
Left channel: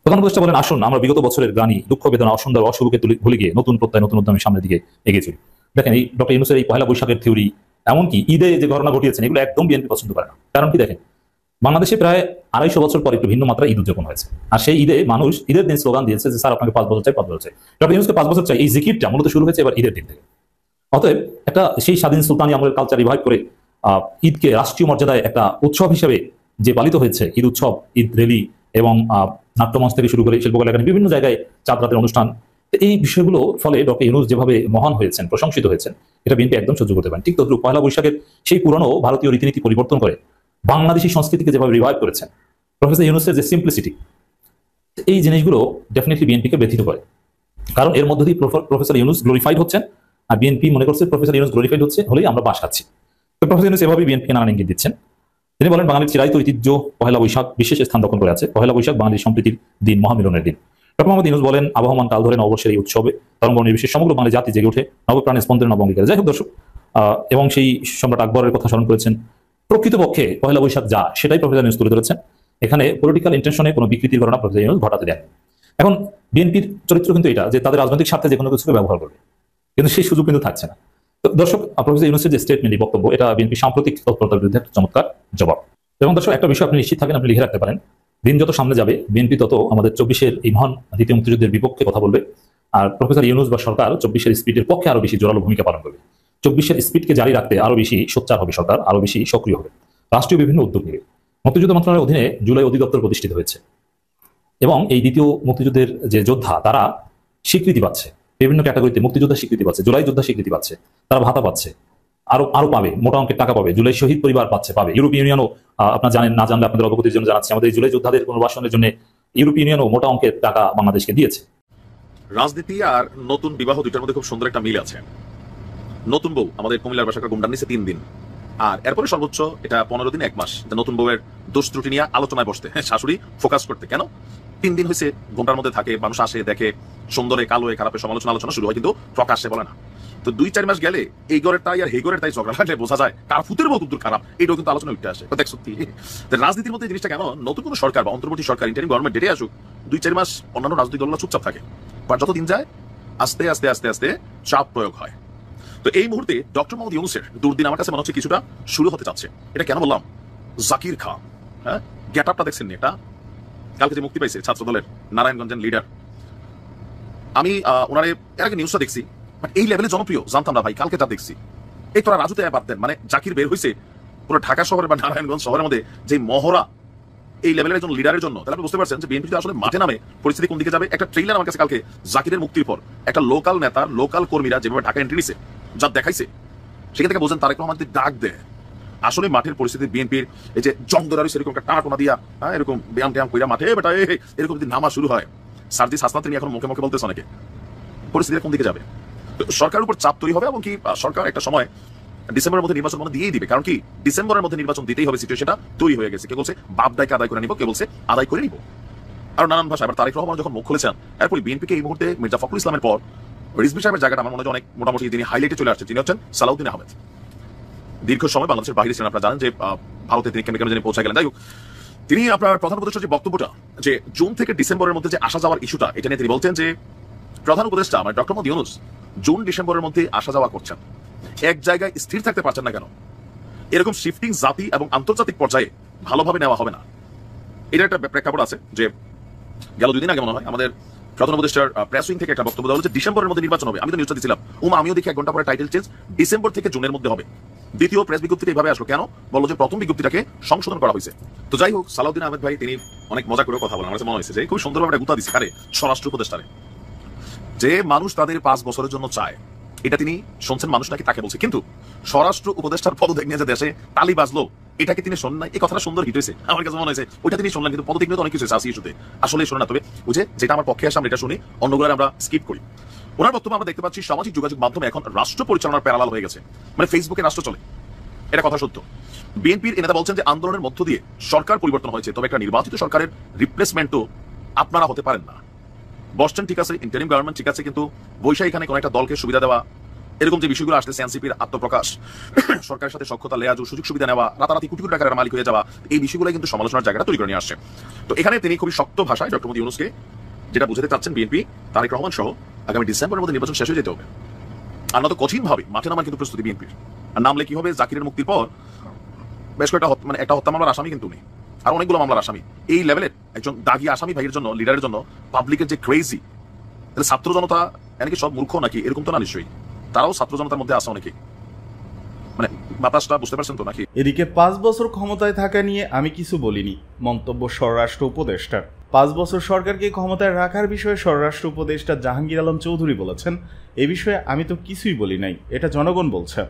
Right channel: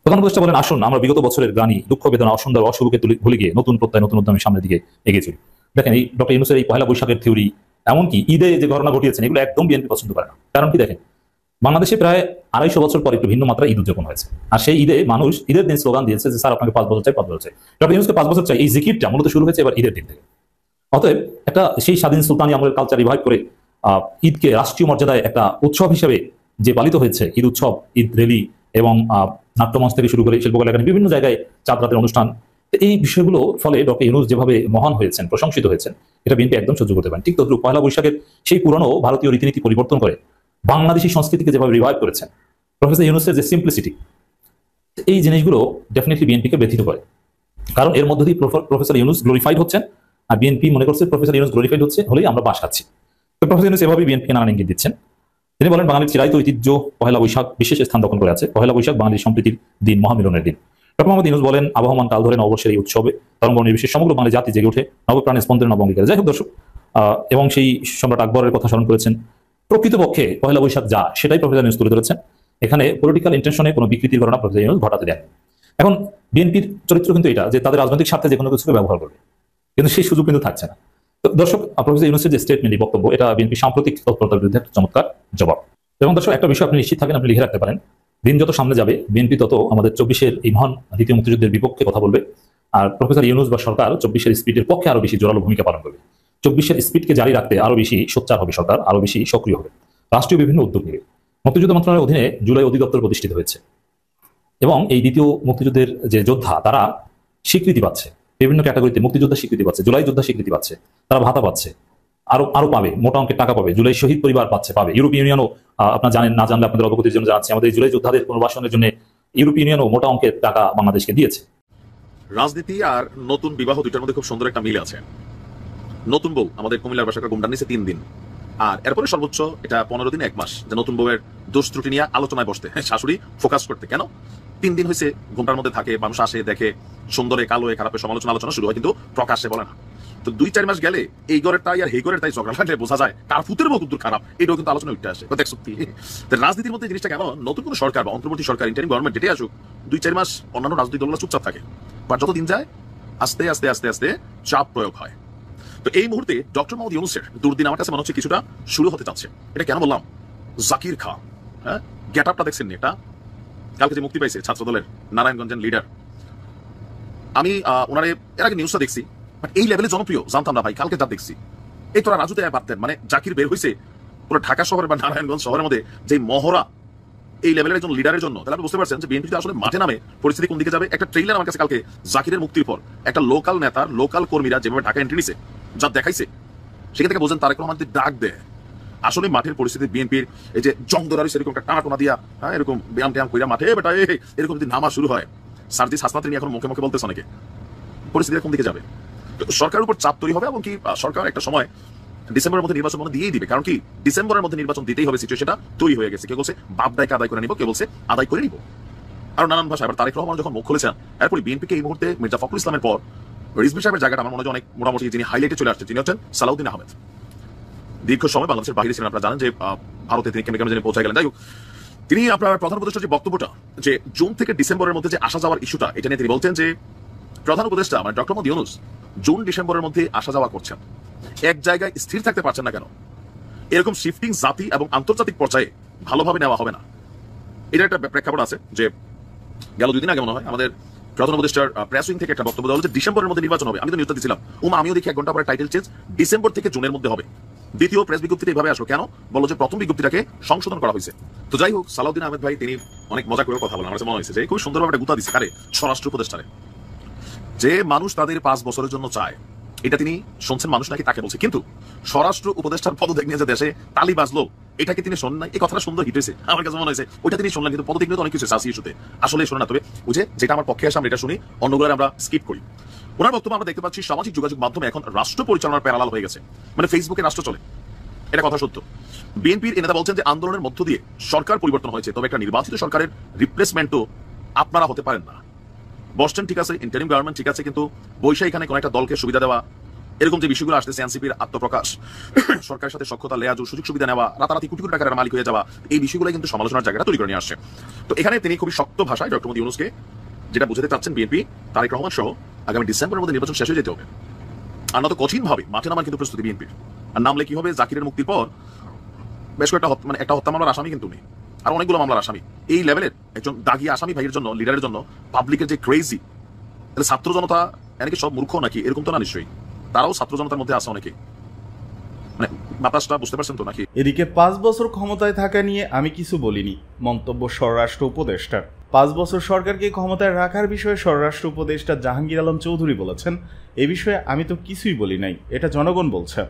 প্রধান উপদেষ্টা বলেন আসুন আমরা বিগত বছরের গ্লানি, দুঃখ, বেদনা, অসুন্দর, অশুভকে ভুলে গিয়ে নতুন প্রত্যয়, নতুন উদ্যমের সামনের দিকে এগিয়ে চলি। দেখেন এই ডক্টর ইউনূসের এই পহেলা বৈশাখের থিওরি, এমনকি ঈদে যে ঘটনা ঘটিয়েছেন, এগুলো একদম বিএনপি পছন্দ করে না। কারণ কি দেখেন, বাংলাদেশে প্রায় 250 বছর পর একটু ভিন্ন মাত্রা ঈদ উদযাপন হয়েছে, আর সেই ঈদে মানুষ ঈদের দিন স্লোগান দিয়েছে যে স্যার আপনাকে 5 বছর চাই, 5 বছর চাই। ডক্টর ইউনূসকে 5 বছর চাই, এই জিকিরটা মূলত শুরু হয়েছে এবার ঈদের দিন থেকে। অতএব একটা সেই স্বাধীন সুলতানি আমলের কালচার রিভাইভ করে ঈদকে রাষ্ট্রীয় মর্যাদায় একটা উৎসব হিসেবে যে পালিত হয়েছে, ঈদ উৎসব, ঈদ রেলি এবং নাট্যমঞ্চ থেকে শুরু করে শিল্পকলা একাডেমি বিভিন্ন জায়গায় চাঁদ রাতের অনুষ্ঠান। এই বিষয়গুলো ফলে ডক্টর ইউনূস যেভাবে মহান হয়েছেন, প্রশংসিত হয়েছেন, এটা বিএনপি একদম সহ্য করতে পারেন। ঠিক তদ্রুপ পয়লা বৈশাখের সেই পুরনো ভারতীয় রীতিনীতি পরিবর্তন করে বাংলাদেশি সংস্কৃতিকে যেভাবে রিভাইভ করেছেন প্রফেসর ইউনূসের যে সিম্পলিসিটি, এই জিনিসগুলো ডেফিনেটলি বিএনপিকে ব্যথিত করে। কারণ এর মধ্য দিয়ে প্রফেসর ইউনূস গ্লোরিফাইড হচ্ছেন, আর বিএনপি মনে করছে প্রফেসর ইউনূস গ্লোরিফাইড হচ্ছে হলেই আমরা বাস খাচ্ছি। তো প্রফেসর ইউনূস এভাবেই বিএনপিকে নানান ইঙ্গিত দিচ্ছেন। তিনি বলেন, বাঙালির চিরায়ত ঐতিহ্য পহেলা বৈশাখ বিশেষ স্থান দখল করে আছে। পহেলা বৈশাখ বাঙালির সম্প্রীতির দিন, মহামিলনের দিন। ডক্টর মোহাম্মদ ইউনূস বলেন, আবহমান কাল ধরে নববর্ষের এই উৎসবে তরঙ্গ নির্বিশেষে সমগ্র বাঙালি জাতি জেগে ওঠে নবপ্রাণে স্পন্দনে নবঙ্গিকারে। যাই হোক দর্শক, এবং সেই সম্রাট আকবরের কথা স্মরণ করেছেন। প্রকৃতপক্ষে পহেলা বৈশাখ যা, সেটাই প্রফেসর ইউনূস তুলে ধরেছেন। এখানে পলিটিক্যাল ইন্টেনশনে কোনো বিকৃতির ঘটনা প্রফেসর ইউনূস ঘটাতে দেন। এখন বিএনপির চরিত্র কিন্তু এটা যে তাদের রাজনৈতিক স্বার্থে যে কোনো কিছুকে ব্যবহার করবে, কিন্তু সেই সুযোগ কিন্তু থাকছে না। তো দর্শক, প্রফেসর ইউনূসের যে স্টেটমেন্ট, বক্তব্য, এটা বিএনপি সাম্প্রতিক তৎপরতার বিরুদ্ধে একটা চমৎকার জবাব। এবং দর্শক, একটা বিষয় আপনি নিশ্চিত থাকেন, আপনি লিখে রাখতে পারেন, দিন যত সামনে যাবে বিএনপি তত আমাদের 24-এর এই মহান দ্বিতীয় মুক্তিযুদ্ধের বিপক্ষে কথা বলবে, আর প্রফেসর ইউনূস বা সরকার 24-এর স্পিডের পক্ষে আরো বেশি জোরালো ভূমিকা পালন করবে। 24-এর স্পিডকে জারি রাখতে আরো বেশি সোচ্চার হবে সরকার, আরো বেশি সক্রিয় হবে, রাষ্ট্রীয় বিভিন্ন উদ্যোগ নেবে। মুক্তিযুদ্ধ মন্ত্রণালয়ের অধীনে জুলাই অধিদপ্তর প্রতিষ্ঠিত হয়েছে এবং এই দ্বিতীয় মুক্তিযুদ্ধের যে যোদ্ধা, তারা স্বীকৃতি পাচ্ছে, বিভিন্ন ক্যাটাগরিতে মুক্তিযোদ্ধা স্বীকৃতি পাচ্ছে, জুলাই যোদ্ধা স্বীকৃতি পাচ্ছে, তারা ভাতা পাচ্ছে, আরো পাবে, মোটা অঙ্কের টাকা পাবে। জুলাই শহীদ পরিবার পাবে। ইউরোপিয়ান ইউনিয়নও, আপনার জানেন না জানলে আপনাদের অবগতির জন্য জানাচ্ছি, আমাদের জুলাই যোদ্ধাদের পুনর্বাসনের জন্য ইউরোপিয়ান ইউনিয়নও মোটা অঙ্কের টাকা বাংলাদেশকে দিয়েছে। রাজনীতি আর নতুন বিবাহ দুটার মধ্যে খুব সুন্দর একটা মিল আছে। নতুন বউ আমাদের কুমিল্লার বাসাকে গুমডান নিছে 3 দিন, আর এরপরে সর্বোচ্চ এটা 15 দিন 1 মাস নতুন বউয়ের দোষ ত্রুটি নিয়ে আলোচনায় বসতে, শাশুড়ি ফোকাস করতে। কেন 3 দিন হয়েছে ঘুমটার মধ্যে থাকে, মানুষ আসে দেখে, সুন্দরে কালো খারাপের আলোচনা শুরু হয়, কিন্তু প্রকাশ্যে বলে না। তো 2-4 মাস গেলে এই ঘরের তাই আর এই ঘরের তাই ঝগড়া লাগলে বোঝা যায় কার ফুতের মতো দূর খারাপ, এটাও কিন্তু আলোচনা উঠে আসে। দেখ সত্যি রাজনীতির মধ্যে জিনিসটা কেমন, নতুন কোনো সরকার বা অন্তর্বর্তী সরকার, ইন্টারিম গভর্নমেন্ট ডেটে আসুক, 2-4 মাস অন্যান্য রাজনৈতিক দলগুলো চুপচাপ থাকে, বা যত দিন যায় আস্তে আস্তে আস্তে আস্তে চাপ প্রয়োগ হয়। তো এই মুহূর্তে ডক্টর মোহাম্মদ ইউনূসের দুর্দিন আমার কাছে মনে হচ্ছে কিছুটা শুরু হতে চাচ্ছে। এটা কেন বললাম, জাকির খান, হ্যাঁ, গেট আপটা দেখছেন এটা, কালকে যে মুক্তি পাইছে ছাত্র দলের নারায়ণগঞ্জের লিডার, আমি ওনারে এর আগে নিউজটা দেখছি, এই লেভেলে জনপ্রিয় জানতাম না ভাই, কালকে তা দেখছি। এই তোরা রাজুতে পারতেন, মানে জাকির বের হয়েছে পুরো ঢাকা শহরে বা নারায়ণগঞ্জ শহরের মধ্যে যে মহড়া এই লেভেলের একজন লিডারের জন্য, তাহলে আপনি বুঝতে পারছেন যে বিএনপি আসলে মাঠে নামে পরিস্থিতি কোন দিকে যাবে। একটা ট্রেইলার আমার কাছে কালকে জাকিরের মুক্তির পর একটা লোকাল নেতা, লোকাল কর্মীরা যেভাবে ঢাকা এন্ট্রি নিছে, যা দেখাইছে, সেখান থেকে বোঝেন তারেক রহমান ডাক দেয়। আসলে মাঠের পরিস্থিতি বিএনপির এই যে জং ধরা এরকম একটা টানা টোনা দিয়া, হ্যাঁ, এরকম ব্যায়াম ট্যায়াম কইরা মাঠে বেটা এরকম যদি নামা শুরু হয়, সার্জিস হাসনাত নিয়ে এখন মুখে মুখে বলতেছে অনেকে, পরিস্থিতি কোন দিকে যাবে। সরকারের উপর চাপ তৈরি হবে এবং কি সরকার একটা সময় ডিসেম্বরের মধ্যে নির্বাচন দিয়েই দিবে, কারণ কি ডিসেম্বরের মধ্যে নির্বাচন দিতেই হবে, সিচুয়েশনটা তৈরি হয়ে গেছে। কেউ বলছে বাপ দায়কে আদায় করে নিব, কেউ বলছে আদায় করে নিব, আর নানান ভাষা। এবার তারেক রহমান যখন মুখ খুলেছেন, এরপরে বিএনপিকে এই মুহূর্তে মির্জা ফখরুল ইসলামের পর রিজভী সাহেবের জায়গাটা আমার মনে হয় অনেক মোটামুটি তিনি হাইলাইটে চলে আসছেন। তিনি হচ্ছেন সালাউদ্দিন আহমেদ, দীর্ঘ সময় বাংলাদেশের বাইরে ছিলেন, আপনারা জানেন যে ভারতে তিনি কেমিক্যাল পৌঁছে গেলেন। যাই হোক, তিনি আপনার প্রধান উপদেষ্টার যে বক্তব্যটা, যে জুন থেকে ডিসেম্বরের মধ্যে যে আসা যাওয়ার ইস্যুটা, এটা নিয়ে তিনি বলতেন যে প্রধান উপদেষ্টা মানে ডক্টর মোহাম্মদ ইউনূস জুন ডিসেম্বরের মধ্যে আসা যাওয়া করছেন, এক জায়গায় স্থির থাকতে পারছেন না কেন, এরকম শিফটিং জাতি এবং আন্তর্জাতিক পর্যায়ে ভালোভাবে নেওয়া হবে না। এটা একটা প্রেক্ষাপট আছে যে গেল 2 দিন আগে মনে হয় আমাদের প্রধান উপদেষ্টার প্রেস উইং থেকে একটা বক্তব্য দেওয়া হচ্ছে ডিসেম্বরের মধ্যে নির্বাচন হবে। আমি তো নিউজটা দিয়েছিলাম, আমিও দেখি 1 ঘন্টা পরে টাইটেল চেঞ্জ, ডিসেম্বর থেকে জুনের মধ্যে হবে। দ্বিতীয় প্রেস বিজ্ঞপ্তিটা এভাবে আসলো কেন, বললো যে প্রথম বিজ্ঞপ্তিটাকে সংশোধন করা হয়েছে। তো যাই হোক, সালাউদ্দিন আহমেদ ভাই তিনি অনেক মজা করে কথা বলেন, আমার মনে হয়েছে যে খুব সুন্দরভাবে গুতা দিচ্ছে কারে, স্বরাষ্ট্র উপদেষ্টারে, যে মানুষ তাদের 5 বছরের জন্য চায়, এটা তিনি শুনছেন মানুষ নাকি তাকে বলছে, কিন্তু স্বরাষ্ট্র উপদেষ্টার পদত্যাগ নিয়ে যে দেশে তালি বাজলো, এটাকে তিনি শোনেন নাই। এই কথাটা সুন্দর হিট হয়েছে, আমার কাছে মনে হয়েছে ওইটা তিনি শুনলেন, কিন্তু পদত্যাগ নিয়ে তো অনেক কিছু আছে ইস্যুতে, আসলে শোনে না। তবে বুঝে যেটা আমার পক্ষে আসে আমরা এটা শুনি, অন্যগুলো আমরা স্কিপ করি। ওনার বক্তব্য আমরা দেখতে পাচ্ছি সামাজিক যোগাযোগ মাধ্যমে এখন রাষ্ট্র পরিচালনার প্যারালাল হয়ে গেছে, মানে ফেসবুকে রাষ্ট্র চলে, এটা কথা সত্য। বিএনপির নেতা বলছেন যে আন্দোলনের মধ্য দিয়ে সরকার পরিবর্তন হয়েছে, তবে একটা নির্বাচিত সরকারের রিপ্লেসমেন্টও আপনারা হতে পারেন না। বসছেন ঠিক আছে, ইন্টারিম গভর্নমেন্ট ঠিক আছে, কিন্তু বৈশাখ এখানে কোন একটা দলকে সুবিধা দেওয়া, এরকম যে বিষয়গুলো আসছে, এনসিপির আত্মপ্রকাশ, সরকারের সাথে সখ্যতা লেয়া, সুযোগ সুবিধা নেওয়া, রাতারাতি কোটি কোটি টাকার মালিক হয়ে যাওয়া, এই বিষয়গুলো কিন্তু সমালোচনার জায়গাটা তৈরি করে নিয়ে আসছে। তো এখানে তিনি খুবই শক্ত ভাষায় ডক্টর মোহাম্মদ ইউনূসকে যেটা বুঝাতে চাচ্ছেন, বিএনপি তারেক রহমান সহ আগামী ডিসেম্বরের মধ্যে নির্বাচন শেষ হয়ে যেতে হবে, আর নয়তো কঠিন ভাবে মাঠে নামার কিন্তু প্রস্তুতি বিএনপির। আর নামলে কি হবে, জাকিরের মুক্তির পর বেশ কয়েকটা মানে একটা হত্যা মামলার আসামি কিন্তু নেই, আর অনেকগুলো মামলার আসামি। এই লেভেলের একজন দাগি আসামি ভাইয়ের জন্য, লিডারের জন্য পাবলিকের যে ক্রেজি, তাহলে ছাত্র জনতা এমনকি সব মূর্খ নাকি, এরকম তো না নিশ্চয়ই, তারাও ছাত্র জনতার মধ্যে আছে অনেকেই, মানে বাতাসটা বুঝতে পারছেন তো নাকি। এদিকে 5 বছর ক্ষমতায় থাকা নিয়ে আমি কিছু বলিনি, মন্তব্য স্বরাষ্ট্র উপদেষ্টার। 5 বছর সরকারকে ক্ষমতায় রাখার বিষয়ে স্বরাষ্ট্র উপদেষ্টা জাহাঙ্গীর আলম চৌধুরী বলেছেন, এ বিষয়ে আমি তো কিছুই বলি নাই, এটা জনগণ বলছে।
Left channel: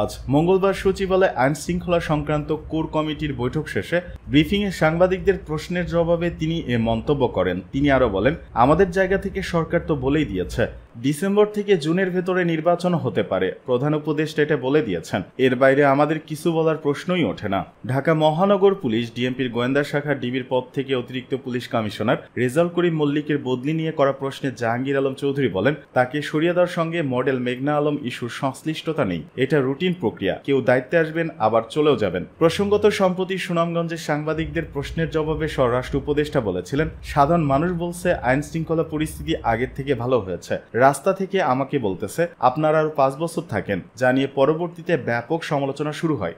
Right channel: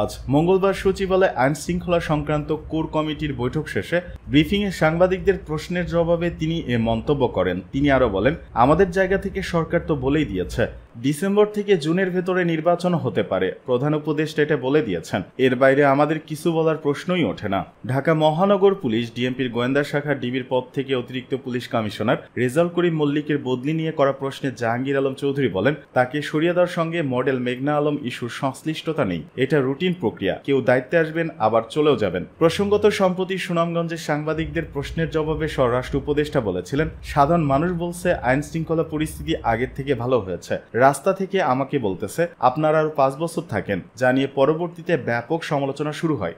আজ মঙ্গলবার সচিবালয়ে আইন শৃঙ্খলা সংক্রান্ত কোর কমিটির বৈঠক শেষে ব্রিফিংয়ে সাংবাদিকদের প্রশ্নের জবাবে তিনি এ মন্তব্য করেন। তিনি আরো বলেন, আমাদের জায়গা থেকে সরকার তো বলেই দিয়েছে ডিসেম্বর থেকে জুনের ভেতরে নির্বাচন হতে পারে, প্রধান উপদেষ্টা এটা বলে দিয়েছেন, এর বাইরে আমাদের কিছু বলার প্রশ্নই ওঠে না। ঢাকা মহানগর পুলিশ ডিএমপির গোয়েন্দা শাখা ডিবির পদ থেকে অতিরিক্ত পুলিশ কমিশনার রেজাউল করিম মল্লিকের বদলি নিয়ে করা প্রশ্নে জাহাঙ্গীর আলম চৌধুরী বলেন, তাকে সরিয়ে দেওয়ার সঙ্গে মডেল মেঘনা আলম ইস্যুর সংশ্লিষ্টতা নেই, এটা রুটিন প্রক্রিয়া, কেউ দায়িত্বে আসবেন আবার চলেও যাবেন। প্রসঙ্গত সম্প্রতি সুনামগঞ্জে সাংবাদিকদের প্রশ্নের জবাবে স্বরাষ্ট্র উপদেষ্টা বলেছিলেন, সাধারণ মানুষ বলছে আইন শৃঙ্খলা পরিস্থিতি আগের থেকে ভালো হয়েছে, রাস্তা থেকে আমাকে বলতেছে আপনারা আরো 5 বছর থাকেন, যা নিয়ে পরবর্তীতে ব্যাপক সমালোচনা শুরু হয়।